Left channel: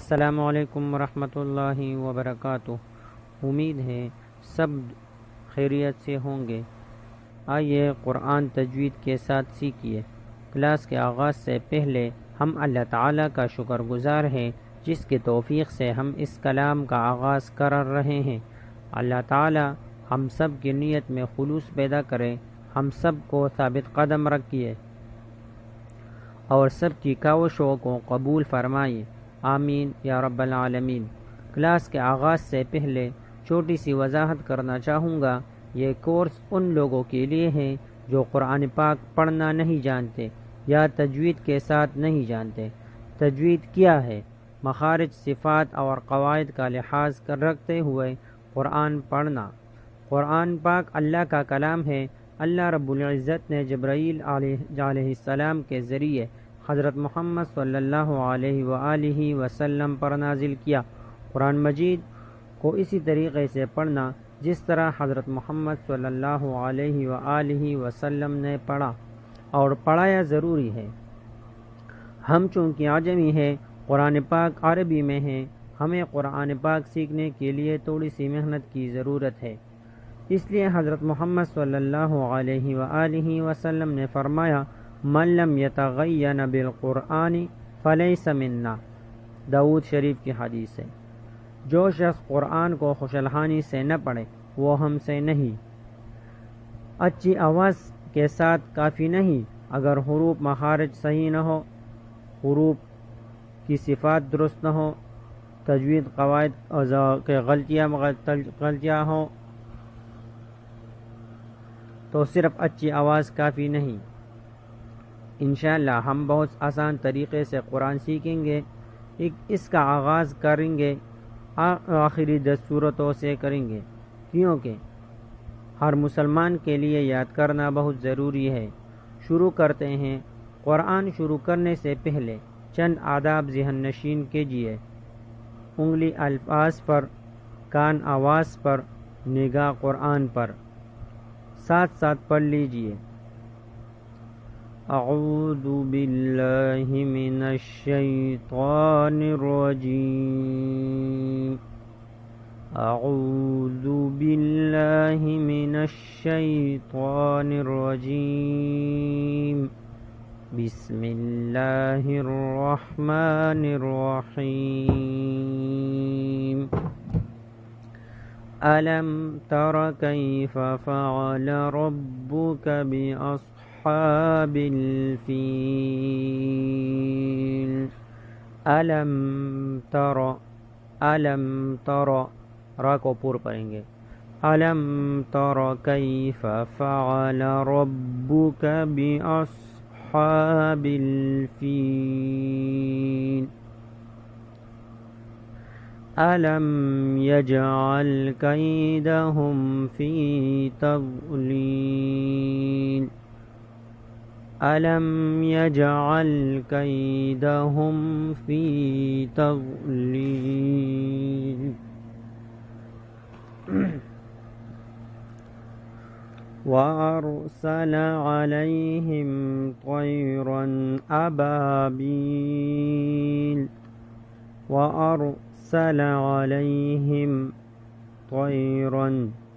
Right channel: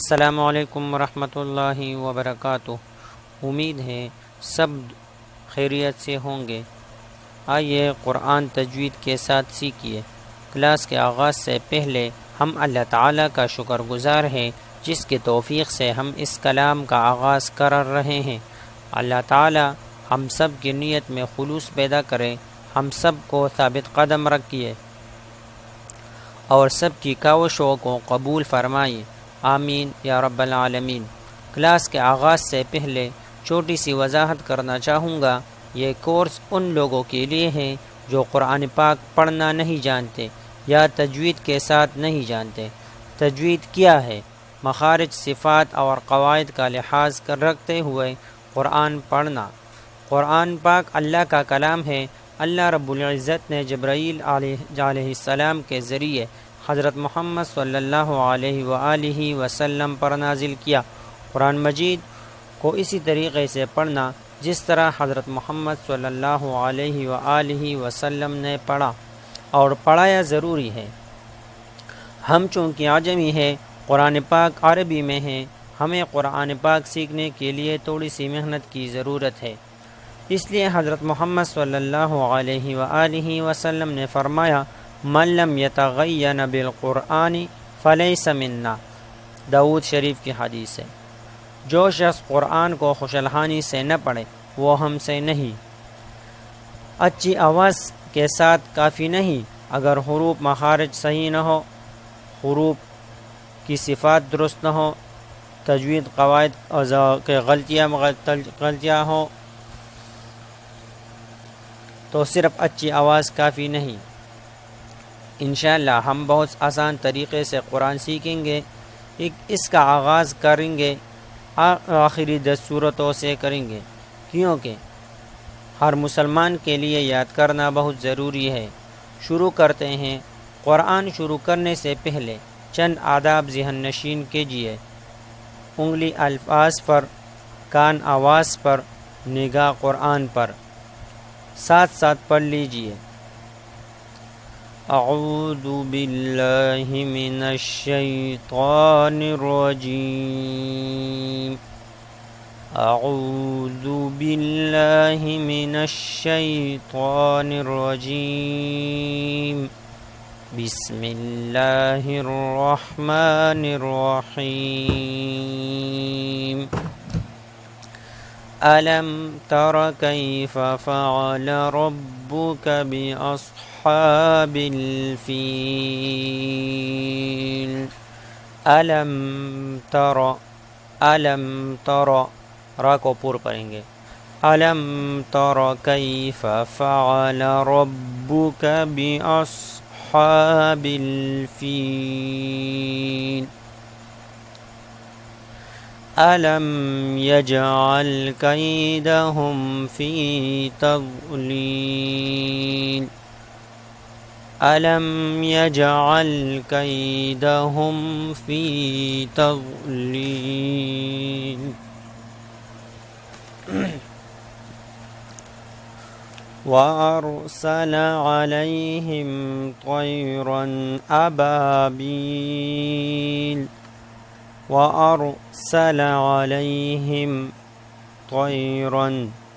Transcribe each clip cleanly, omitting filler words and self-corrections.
السلام علیکم ورحمۃ اللہ وبرکاتہ۔ امید ہے سب خیریت سے ہوں گے۔ آئیے قرآن تجوید کے ساتھ سیکھیے۔ کلاس کے آغاز سے پہلے ہم اللہ تعالیٰ کا شکر گزار ہیں جس کی توفیق سے ہم اس کلام کا آغاز کر رہے ہیں۔ اللہ تعالیٰ ہم سب کی نیت میں خلوص پیدا کرے، ہم سب کو ثابت قدم رکھیے اور سب کی کاوشوں کو قبول فرمائے، آمین یا رب العالمین۔ کلاس کے آغاز سے پہلے چھوٹی سی وضاحت کرنا چاہوں گا۔ یہ کورس ان لوگوں کے لیے ہے جو قرآن پاک پڑھنا نہیں جانتے یا تجوید کے ساتھ نہیں جانتے۔ تجوید کیا ہے؟ مخارج، صفات اور قواعد کا لحاظ رکھتے ہوئے قرآن پڑھنا۔ قرآن پاک اللہ کا کلام ہے۔ اللہ رب العزت نے جبرائیل علیہ السلام کے ذریعے حضرت محمد صلی اللہ علیہ وآلہ وسلم پر نازل کیا۔ قرآن مجید کو اسی طریقے سے پڑھنا جس طرح حضرت محمد صلی اللہ علیہ وآلہ وسلم نے پڑھا اور پڑھایا ضروری ہے۔ ہم چونکہ عجمی ہیں، قرآن پاک عربی میں ہے، ہمیں قرآن پاک سیکھنے کے لیے تھوڑی سی محنت کی ضرورت ہے۔ اس لیے حضرت محمد صلی اللہ علیہ وآلہ وسلم نے فرمایا، من لم یتغین بالقرآن فلیس منا۔ داؤد شریف کی حدیث ہے۔ جو شخص قرآن کو خوشالحانی سے نہ پڑھے وہ ہم سے نہیں۔ اچھی آواز کے ساتھ کافی نہیں، اگر حروف مخارج صحیح نہ ہو، حروف کی صفات درست نہ ہو، تجوید قواعد کے غلطیاں ہوں تو صرف اچھی آواز کافی نہیں۔ انشاءاللہ ہم بہت آسان طریقے سے قرآن سیکھیں گے۔ اس کا آغاز کریں گے، آخری 10 سورتوں سے کریں گے، کیونکہ ہر مسلمان کے لیے یاد کرنا بہت ضروری ہے۔ شروع کرتے ہیں۔ قرآن شروع کرنے سے پہلے چند آداب ذہن نشین کیجیے۔ انگلی الفاظ پر، کان آواز پر، نگاہ قرآن پر۔ ساتھ ساتھ پڑھ لیجیے۔ اعوذ باللہ من الشیطان الرجیم۔ اعوذ باللہ من الشیطان الرجیم۔ بسم اللہ الرحمن الرحیم۔ ألم تر كيف فعل ربك بأصحاب الفيل؟ ألم تر را کو پور پڑھیں گے۔ ألم تر كيف فعل ربك بأصحاب الفيل؟ ألم يجعل كيدهم في تضليل؟ ألم يجعل كيدهم في تضليل؟ وأرسل عليهم طيرا أبابيل وأرسل عليهم طيرا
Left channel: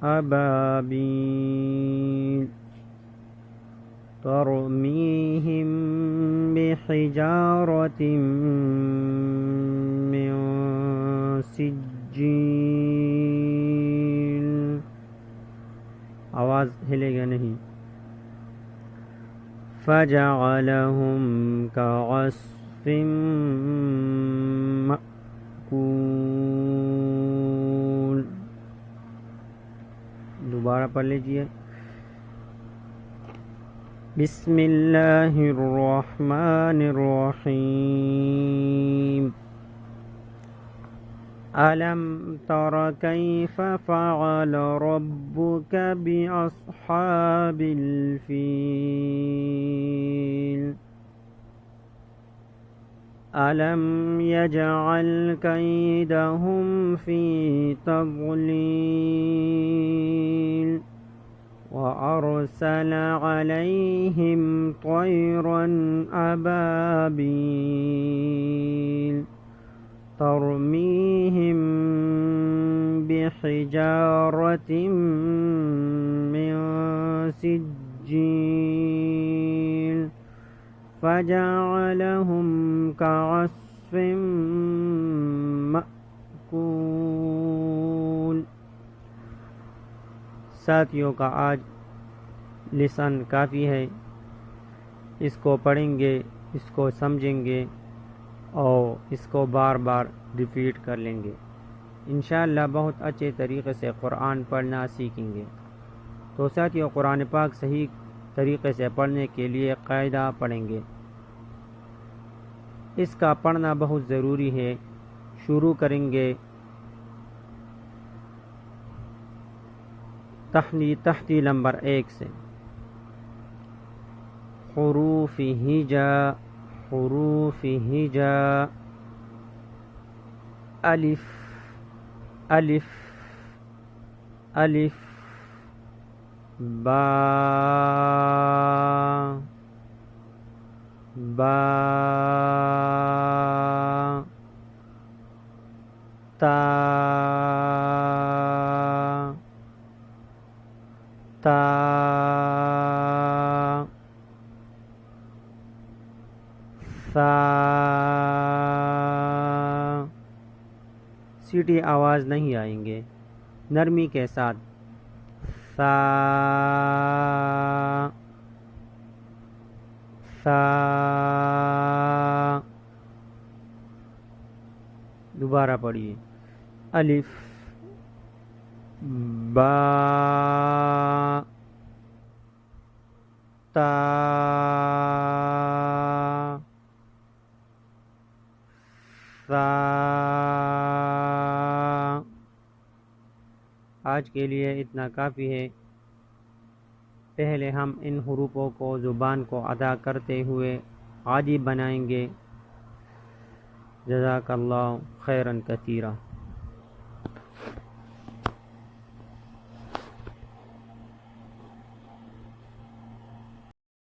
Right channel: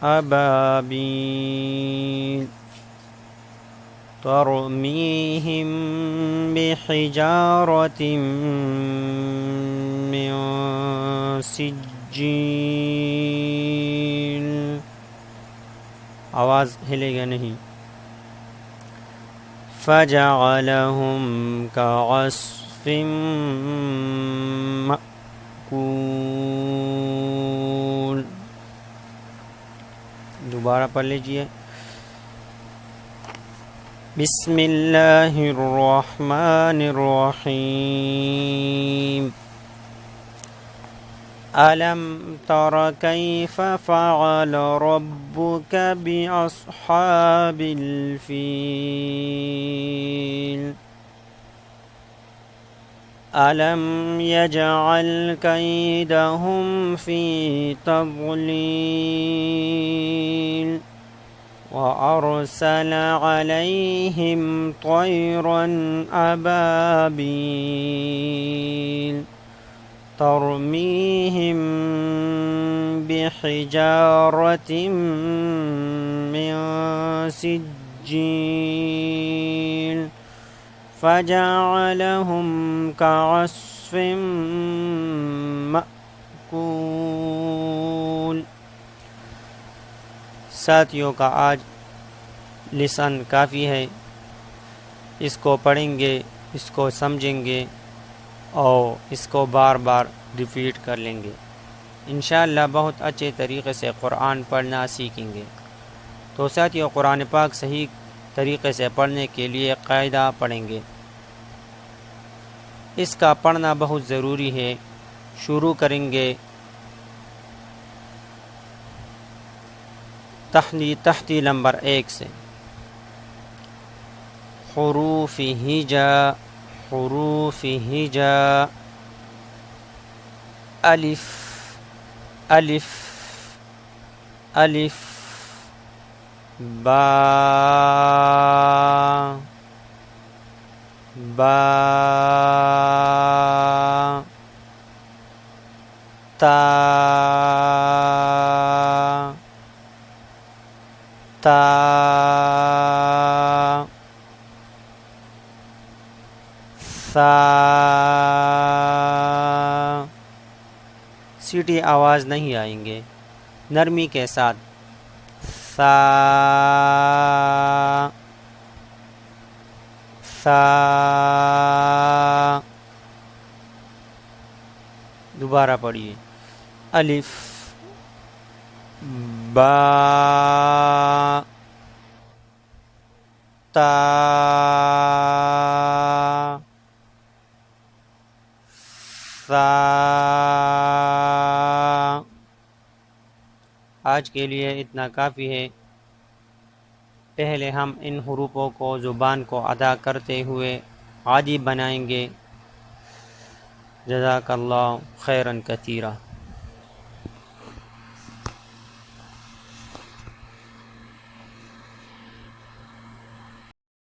أبابيل ترميهم بحجارة من سجيل۔ آواز ہلے گا نہیں۔ فجعلهم كعصف مأکول۔ دوبارہ پڑھ لیجیے۔ بسم اللہ الرحمن الرحیم۔ ألم تر كيف فعل ربك بأصحاب الفيل؟ ألم يجعل كيدهم في تضليل؟ وأرسل عليهم طيرا أبابيل ترميهم بحجارة من سجيل فجعلهم كعصف مأكول۔ ساتھیوں کا آج لیسن کافی ہے، اس کو پڑھیں گے، اس کو سمجھیں گے اور اس کو بار بار ریپیٹ کر لیں گے، انشاءاللہ بہت اچھے طریقے سے قرآن پڑھنا سیکھیں گے۔ تو ساتھیوں، قرآن پاک صحیح طریقے سے پڑھنے کے لیے قاعدہ پڑھیں گے، اس کا پڑھنا بہت ضروری ہے۔ شروع کریں گے تحتی نمبر 1 سے۔ حروف ہجا، حروف ہجا، الف الف الف، با با، تا تا، ثا، سیٹی آواز نہیں آئیں گے، نرمی کے ساتھ، ثا ثا، دوبارہ پڑھیے، الف، با، تا، ثا۔ آج کے لیے اتنا کافی ہے۔ پہلے ہم ان حروفوں کو زبان کو ادا کرتے ہوئے عادی بنائیں گے۔ جزاک اللہ خیرا کثیرا۔